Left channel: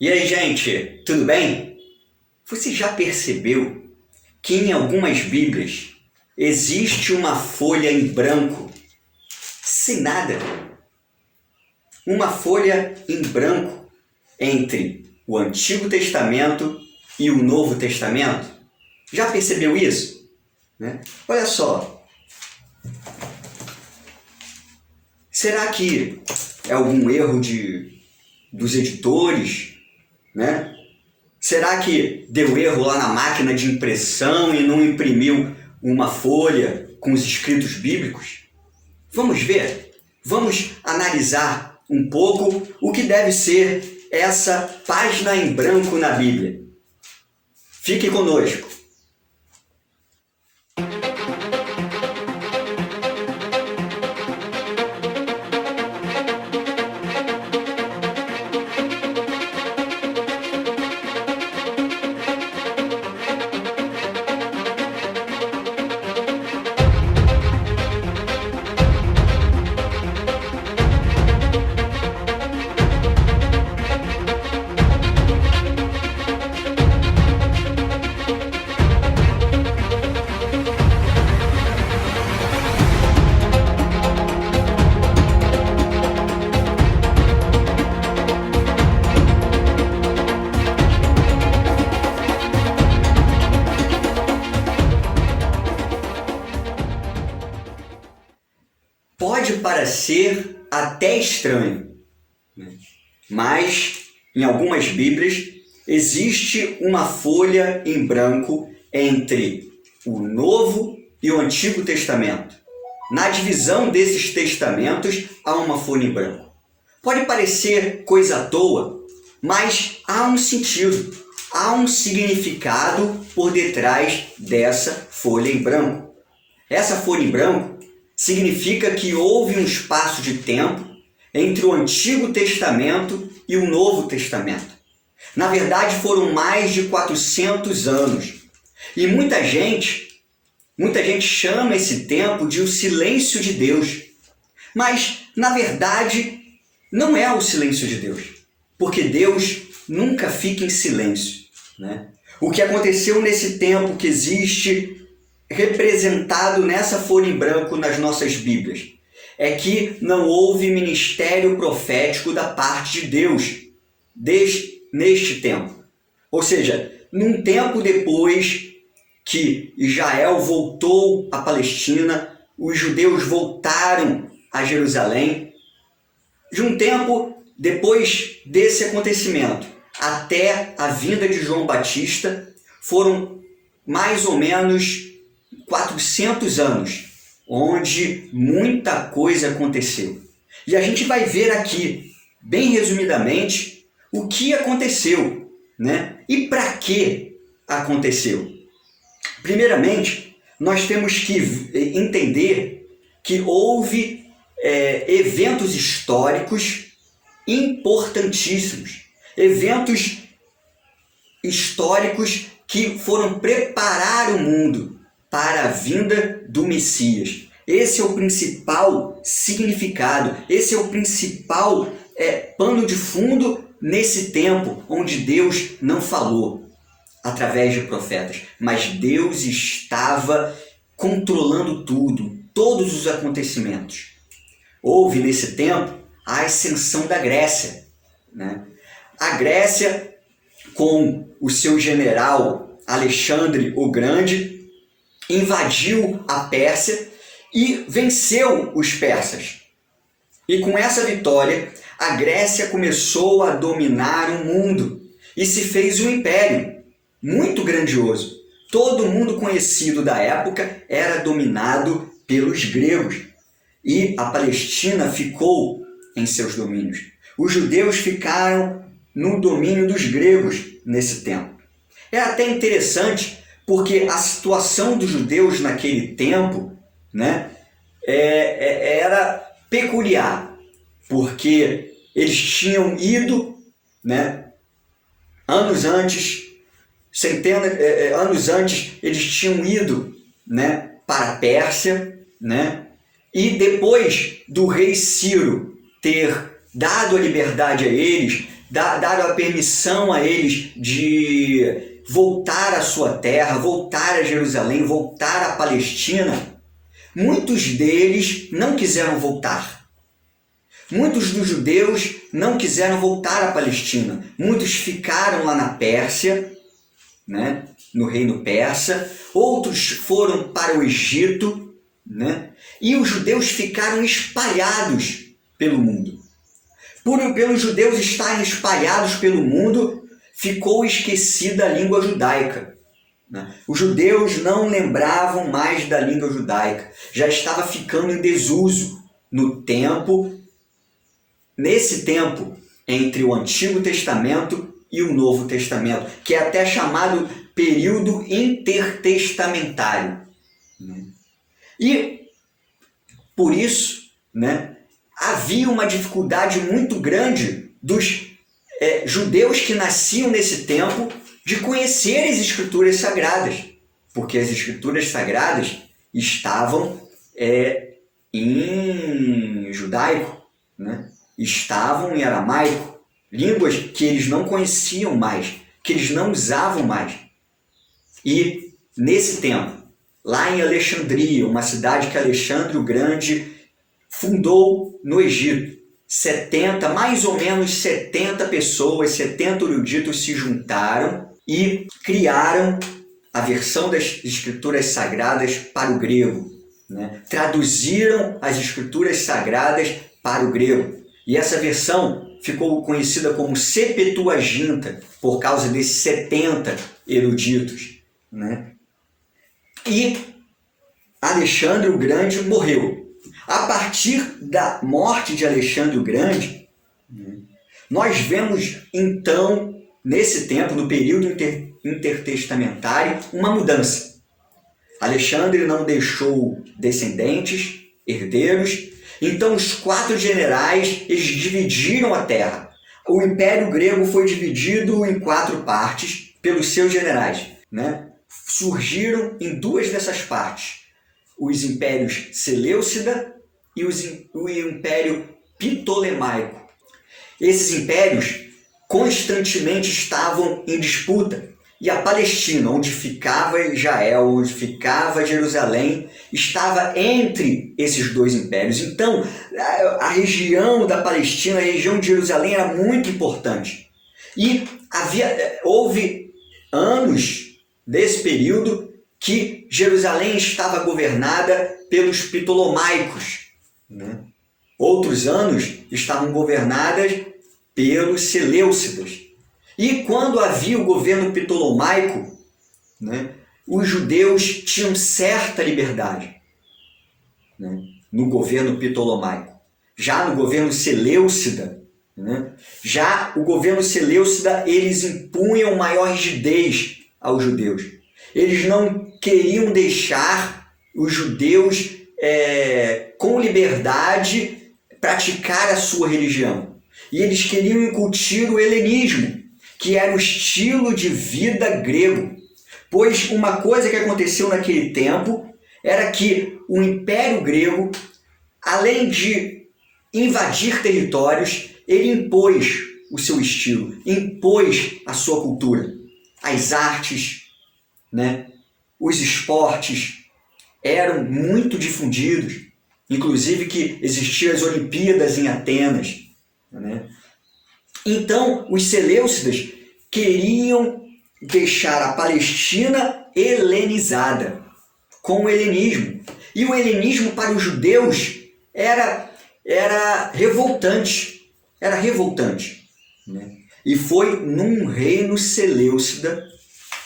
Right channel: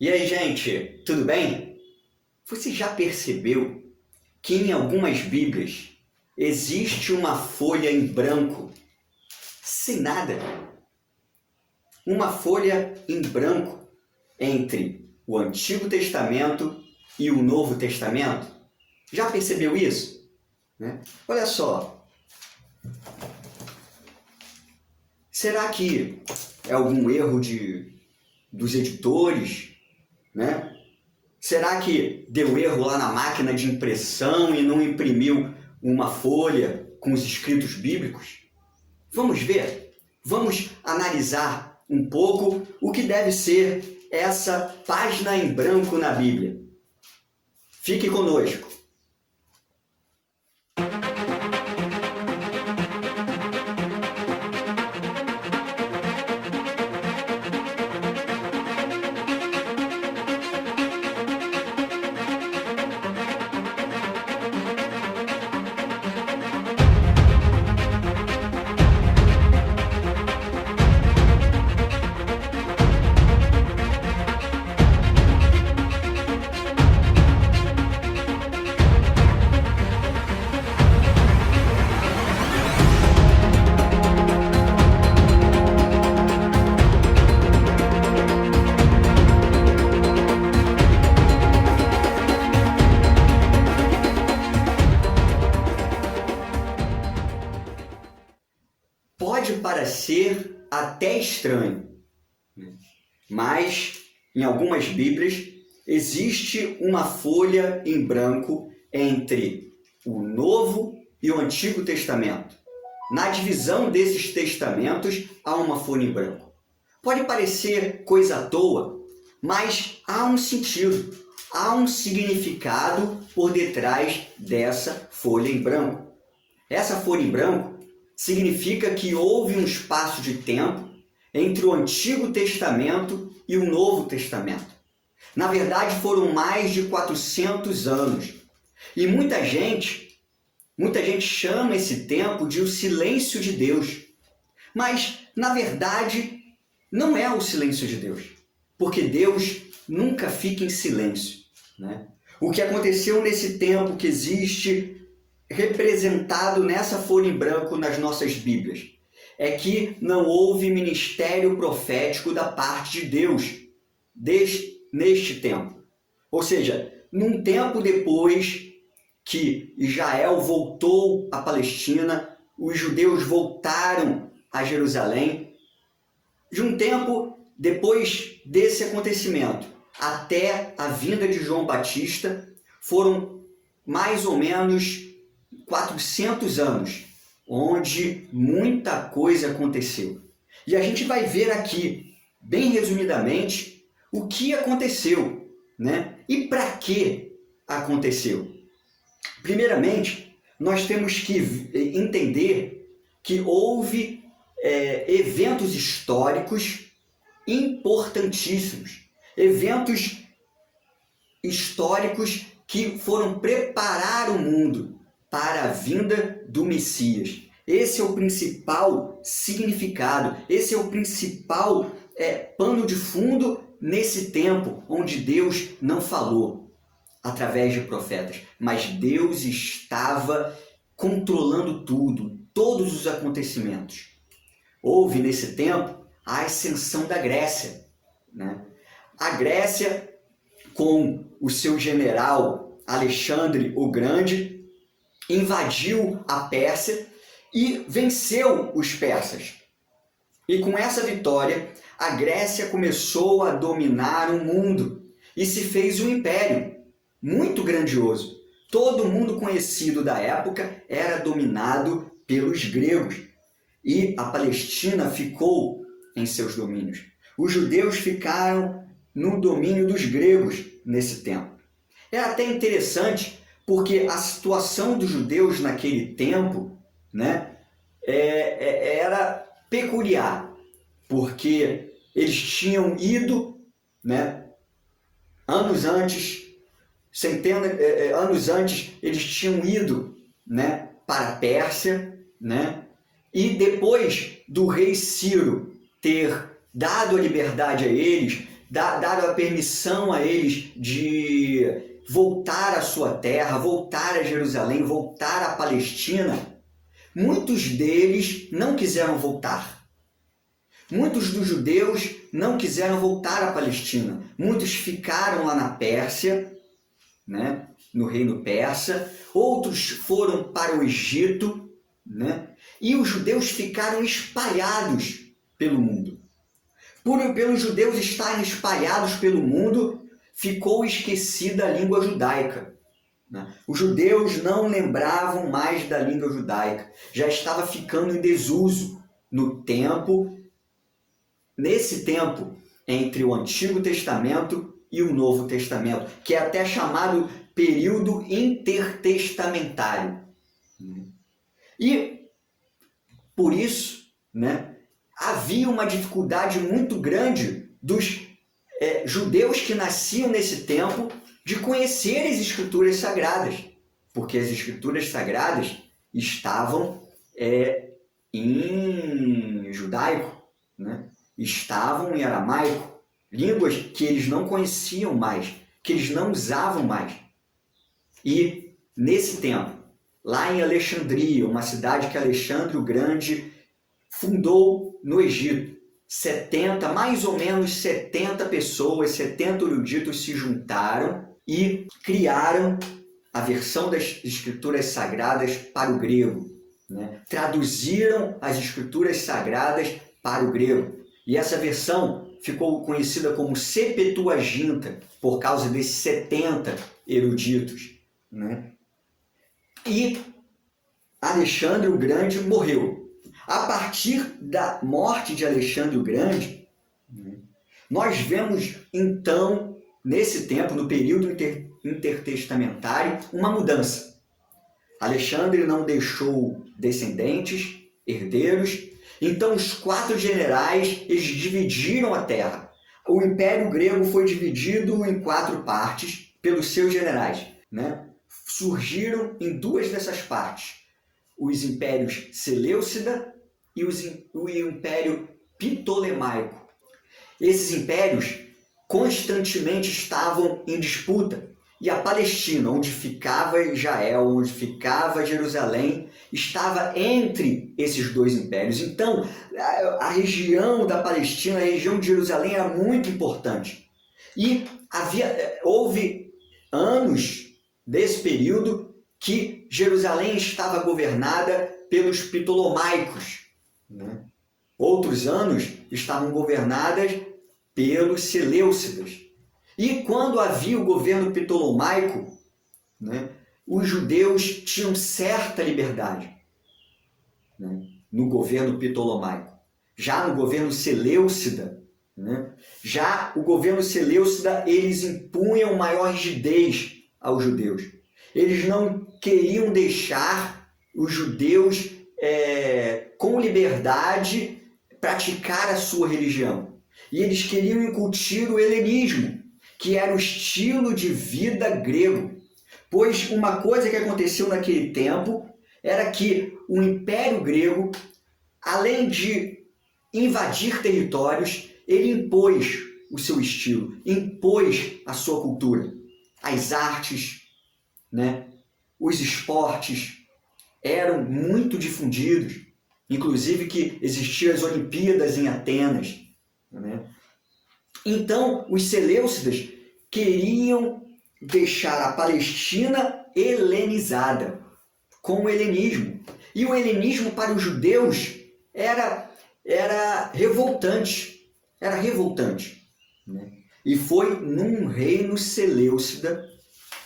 E aí, gente, tudo bem? Você já percebeu que em algumas Bíblias existe uma folha em branco, sem nada? Uma folha em branco entre o Antigo Testamento e o Novo Testamento? Já percebeu isso? Olha só, será que é algum erro dos editores, né? Será que deu erro lá na máquina de impressão e não imprimiu uma folha com os escritos bíblicos? Vamos ver? Vamos analisar um pouco o que deve ser essa página em branco na Bíblia. Fique conosco. Pode parecer até estranho, mas em algumas Bíblias existe uma folha em branco entre o Novo e o Antigo Testamento. Na divisão desses testamentos há uma folha em branco. Pode parecer coisa à toa, mas há um sentido, há um significado por detrás dessa folha em branco. Essa folha em branco significa que houve um espaço de tempo entre o Antigo Testamento e o Novo Testamento. Na verdade, foram mais de 400 anos. E muita gente chama esse tempo de o silêncio de Deus. Mas, na verdade, não é o silêncio de Deus, porque Deus nunca fica em silêncio, né? O que aconteceu nesse tempo que existe representado nessa folha em branco nas nossas Bíblias é que não houve ministério profético da parte de Deus neste tempo. Ou seja, num tempo depois que Israel voltou à Palestina, os judeus voltaram a Jerusalém, de um tempo depois desse acontecimento até a vinda de João Batista, foram mais ou menos 400 anos, onde muita coisa aconteceu. E a gente vai ver aqui, bem resumidamente, o que aconteceu, né? E para que aconteceu. Primeiramente, nós temos que entender que houve eventos históricos importantíssimos, eventos históricos que foram preparar o mundo para a vinda do Messias. Esse é o principal significado, esse é o principal pano de fundo nesse tempo onde Deus não falou através de profetas, mas Deus estava controlando tudo, todos os acontecimentos. Houve nesse tempo a ascensão da Grécia, né? A Grécia, com o seu general Alexandre o Grande, invadiu a Pérsia e venceu os persas. E com essa vitória, a Grécia começou a dominar o mundo e se fez um império muito grandioso. Todo mundo conhecido da época era dominado pelos gregos e a Palestina ficou em seus domínios. Os judeus ficaram no domínio dos gregos nesse tempo. É até interessante porque a situação dos judeus naquele tempo, né, era peculiar, porque eles tinham ido, né, anos antes, eles tinham ido, né, para a Pérsia, né, e depois do rei Ciro ter dado a liberdade a eles, Daram a permissão a eles de voltar à sua terra, voltar a Jerusalém, voltar à Palestina, muitos deles não quiseram voltar. Muitos dos judeus não quiseram voltar à Palestina. Muitos ficaram lá na Pérsia, né, no reino persa. Outros foram para o Egito, né, e os judeus ficaram espalhados pelo mundo. Pelos judeus estarem espalhados pelo mundo, ficou esquecida a língua judaica. Os judeus não lembravam mais da língua judaica. Já estava ficando em desuso nesse tempo entre o Antigo Testamento e o Novo Testamento, que é até chamado período intertestamentário. E, por isso, havia uma dificuldade muito grande dos judeus que nasciam nesse tempo de conhecer as Escrituras Sagradas, porque as Escrituras Sagradas estavam em judaico, estavam em aramaico, línguas que eles não conheciam mais, que eles não usavam mais. E, nesse tempo, lá em Alexandria, uma cidade que Alexandre o Grande fundou no Egito, mais ou menos 70 pessoas, 70 eruditos se juntaram e criaram a versão das Escrituras Sagradas para o grego. Traduziram as Escrituras Sagradas para o grego. E essa versão ficou conhecida como Septuaginta, por causa desses 70 eruditos. E Alexandre o Grande morreu. A partir da morte de Alexandre o Grande, nós vemos, então, nesse tempo, no período intertestamentário, uma mudança. Alexandre não deixou descendentes, herdeiros, então os 4 generais, eles dividiram a terra. O Império Grego foi dividido em 4 partes pelos seus generais. Surgiram em 2 dessas partes os impérios Seleucida e o Império Ptolemaico. Esses impérios constantemente estavam em disputa, e a Palestina, onde ficava Israel, onde ficava Jerusalém, estava entre esses 2 impérios. Então, a região da Palestina, a região de Jerusalém era muito importante. E houve anos desse período que Jerusalém estava governada pelos ptolomaicos. Outros anos estavam governadas pelos seleucidas. E quando havia o governo ptolomaico, os judeus tinham certa liberdade no governo ptolomaico. Já no governo seleucida, já o governo seleucida, eles impunham maior rigidez aos judeus. Eles não queriam deixar os judeus com liberdade praticar a sua religião. E eles queriam incutir o helenismo, que era o estilo de vida grego. Pois uma coisa que aconteceu naquele tempo era que o Império Grego, além de invadir territórios, ele impôs o seu estilo, impôs a sua cultura. As artes, os esportes eram muito difundidos, inclusive que existiam as Olimpíadas em Atenas. Então, os seleucidas queriam deixar a Palestina helenizada, com o helenismo. E o helenismo para os judeus era revoltante. Era revoltante. E foi num reino seleucida,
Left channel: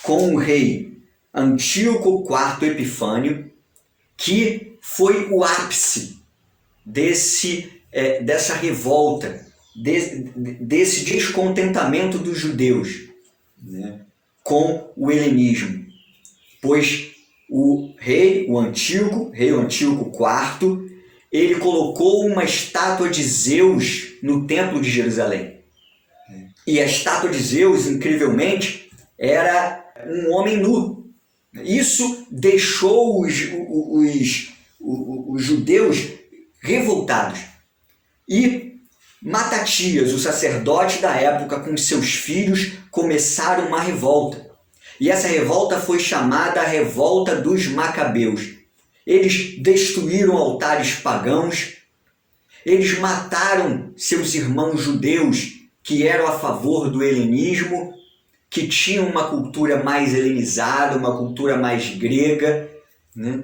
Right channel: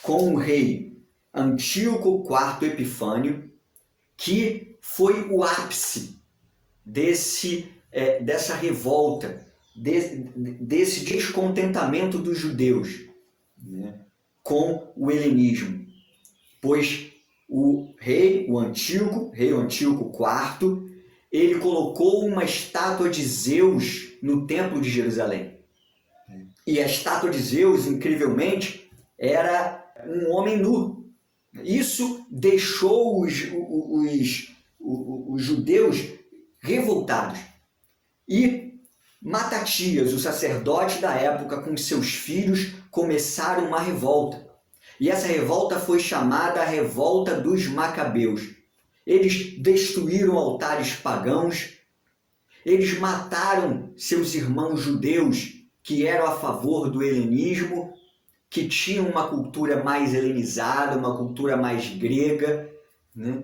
com o rei Antíoco IV Epifânio, que foi o ápice dessa revolta, desse descontentamento dos judeus com o helenismo. Pois o rei Antíoco IV, ele colocou uma estátua de Zeus no templo de Jerusalém. E a estátua de Zeus, incrivelmente, era um homem nu. Isso deixou os judeus revoltados. E Matatias, o sacerdote da época, com seus filhos, começaram uma revolta. E essa revolta foi chamada a Revolta dos Macabeus. Eles destruíram altares pagãos, eles mataram seus irmãos judeus que eram a favor do helenismo, que tinham uma cultura mais helenizada, uma cultura mais grega, né?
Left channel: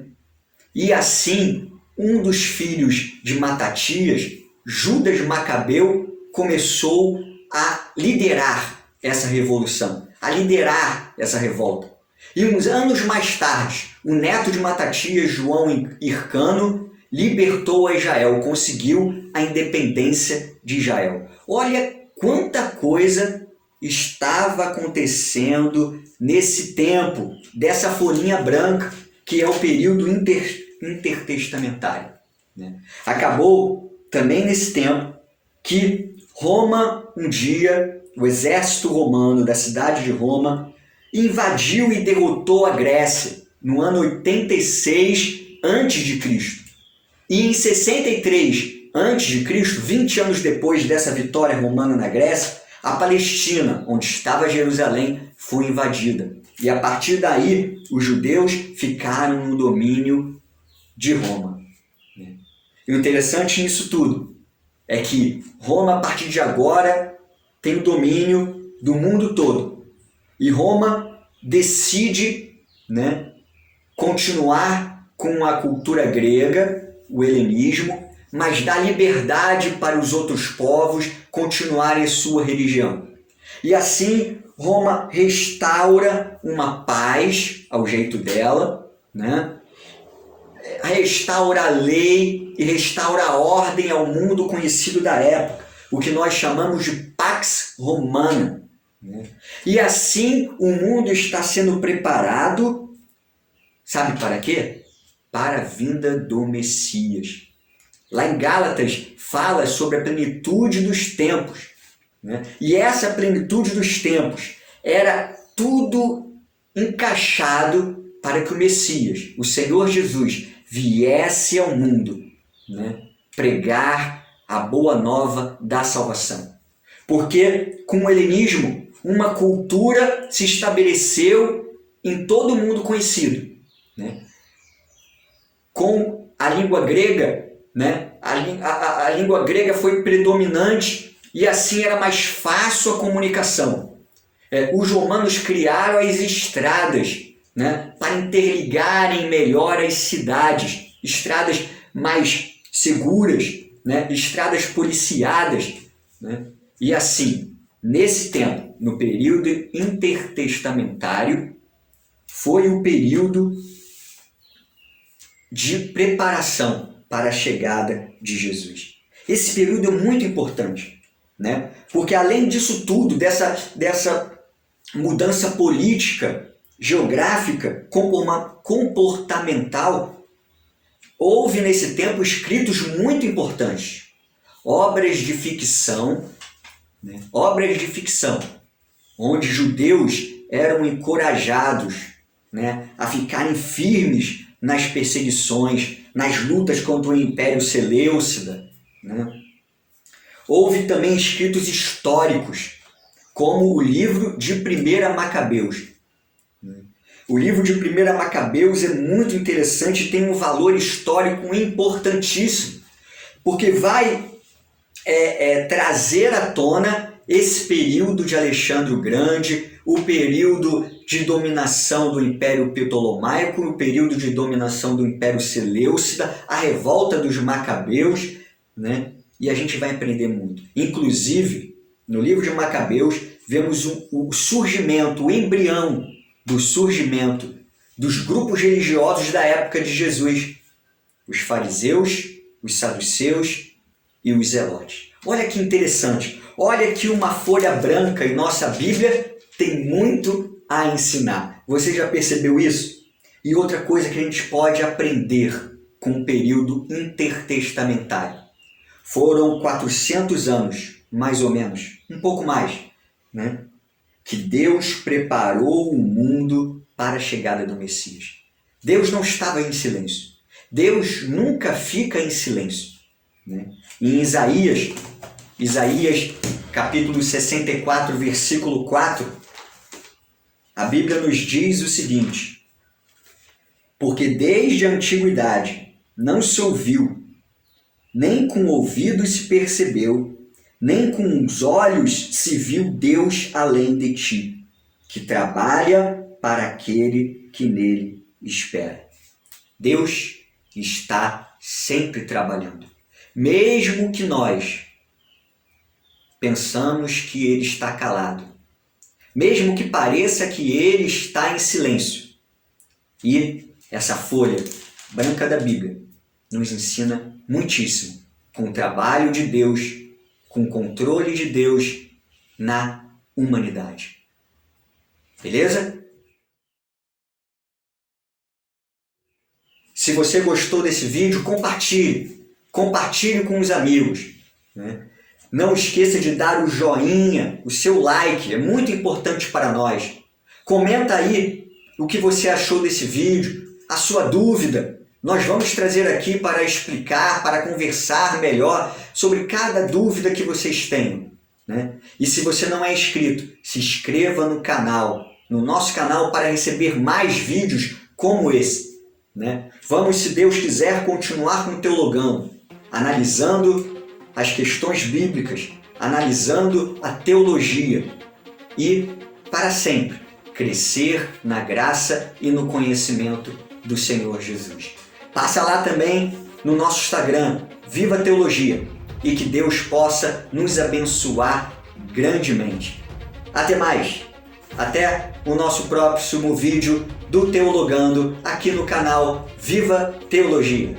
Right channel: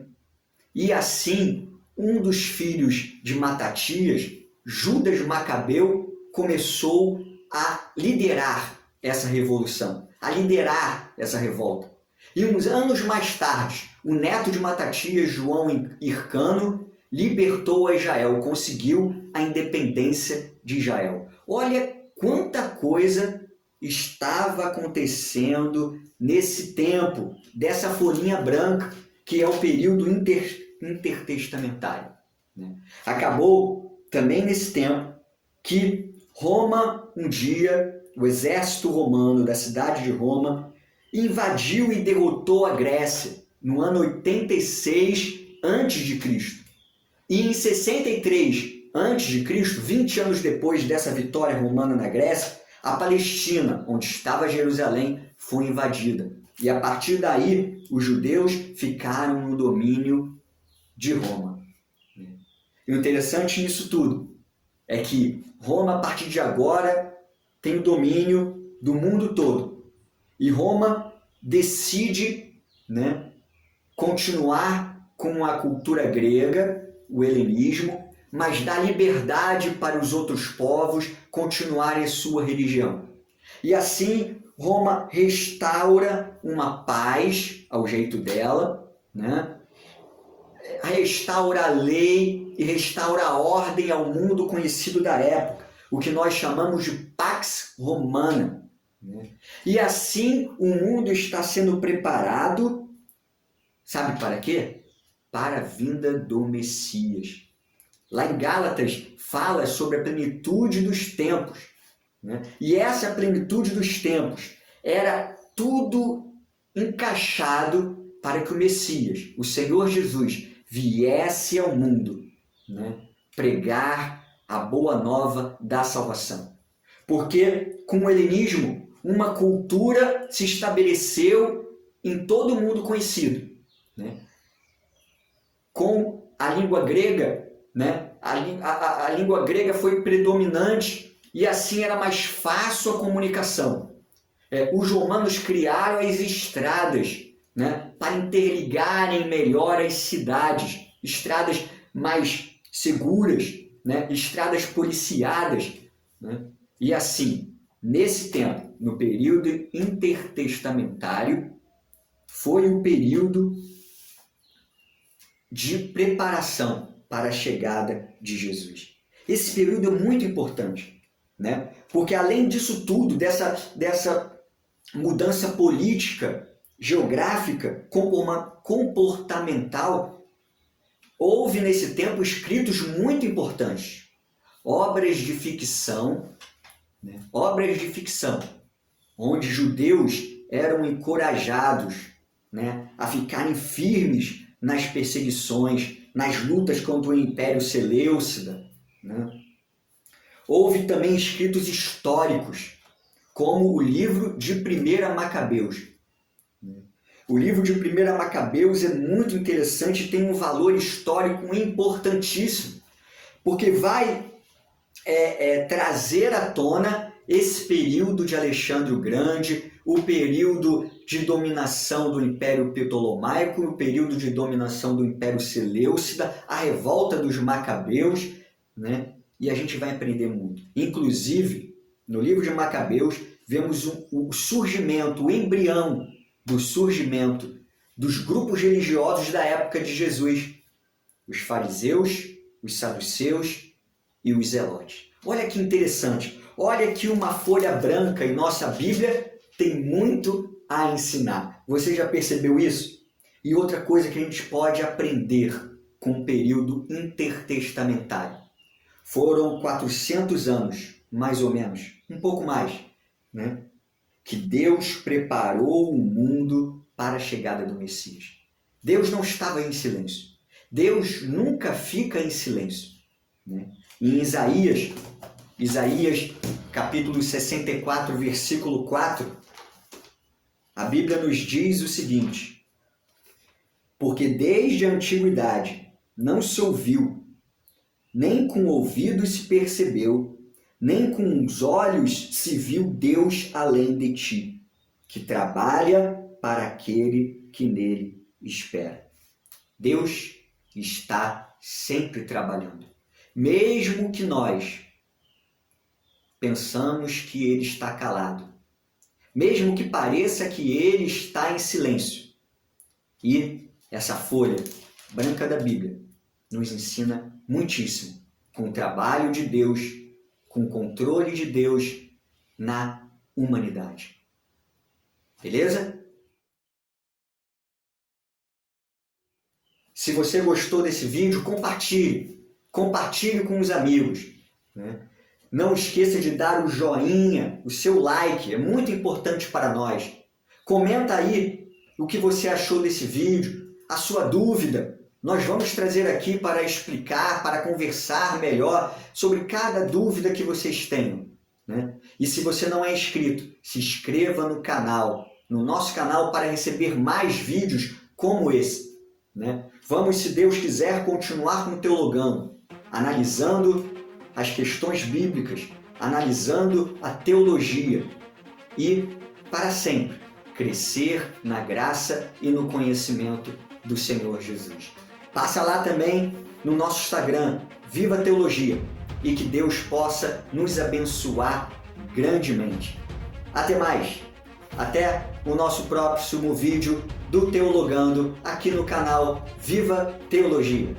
E assim, um dos filhos de Matatias, Judas Macabeu, começou a liderar essa revolução, a liderar essa revolta. E uns anos mais tarde, o neto de Matatias, João Hircano, libertou a Israel, conseguiu a independência de Israel. Olha quanta coisa estava acontecendo nesse tempo, dessa folhinha branca, que é o período intertestamentário, né? Acabou também nesse tempo que Roma, um dia, o exército romano da cidade de Roma, invadiu e derrotou a Grécia no ano 86 a.C. E em 63 a.C., 20 anos depois dessa vitória romana na Grécia, a Palestina, onde estava Jerusalém, foi invadida. E a partir daí, os judeus ficaram no domínio de Roma. E o interessante nisso tudo é que Roma, a partir de agora, tem o domínio do mundo todo. E Roma decide, né, continuar com a cultura grega, o helenismo, mas dá liberdade para os outros povos continuarem sua religião. E assim, Roma restaura uma paz ao jeito dela, né? Restaura a lei e restaura a ordem ao mundo conhecido da época, o que nós chamamos de Pax Romana, né? E assim o mundo está sendo preparado, sabe para quê? Para a vinda do Messias. Lá em Gálatas fala sobre a plenitude dos tempos, né? E essa plenitude dos tempos era tudo encaixado para que o Messias, o Senhor Jesus, viesse ao mundo, né, pregar a boa nova da salvação. Porque com o helenismo, uma cultura se estabeleceu em todo o mundo conhecido, né? Com a língua grega, né, a língua grega foi predominante e assim era mais fácil a comunicação. Os romanos criaram as estradas, né, para interligarem melhor as cidades, estradas mais seguras, né, estradas policiadas, né? E assim, nesse tempo, no período intertestamentário, foi o período de preparação para a chegada de Jesus. Esse período é muito importante, né? Porque além disso tudo, dessa mudança política, geográfica, comportamental, houve nesse tempo escritos muito importantes, obras de ficção, né? Obras de ficção, onde judeus eram encorajados, né, a ficarem firmes nas perseguições, nas lutas contra o Império Seleucida, né? Houve também escritos históricos, como o livro de 1 Macabeus. O livro de 1 Macabeus é muito interessante e tem um valor histórico importantíssimo, porque vai trazer à tona esse período de Alexandre o Grande, o período de dominação do Império Ptolomaico, o período de dominação do Império Seleucida, a revolta dos Macabeus, né? E a gente vai aprender muito. Inclusive, no livro de Macabeus, vemos o surgimento, o embrião do surgimento dos grupos religiosos da época de Jesus, os fariseus, os saduceus e os zelotes. Olha que interessante, olha que uma folha branca em nossa Bíblia tem muito a ensinar. Você já percebeu isso? E outra coisa que a gente pode aprender com o período intertestamentário. Foram 400 anos, mais ou menos, um pouco mais, né, que Deus preparou o mundo para a chegada do Messias. Deus não estava em silêncio. Deus nunca fica em silêncio, né? Em Isaías, Isaías, capítulo 64, versículo 4, a Bíblia nos diz o seguinte: porque desde a antiguidade não se ouviu, nem com ouvidos se percebeu, nem com os olhos se viu Deus além de ti, que trabalha para aquele que nele espera. Deus está sempre trabalhando. Mesmo que nós pensamos que ele está calado, mesmo que pareça que ele está em silêncio. E essa folha branca da Bíblia nos ensina muitíssimo com o trabalho de Deus, com o controle de Deus na humanidade. Beleza? Se você gostou desse vídeo, compartilhe. Compartilhe com os amigos, né? Não esqueça de dar o joinha, o seu like, é muito importante para nós. Comenta aí o que você achou desse vídeo, a sua dúvida. Nós vamos trazer aqui para explicar, para conversar melhor sobre cada dúvida que vocês tenham, né? E se você não é inscrito, se inscreva no canal, no nosso canal, para receber mais vídeos como esse, né? Vamos, se Deus quiser, continuar com o Teologando, analisando as questões bíblicas, analisando a teologia e, para sempre, crescer na graça e no conhecimento do Senhor Jesus. Passa lá também no nosso Instagram, Viva Teologia, e que Deus possa nos abençoar grandemente. Até mais! Até o nosso próximo vídeo do Teologando aqui no canal Viva Teologia.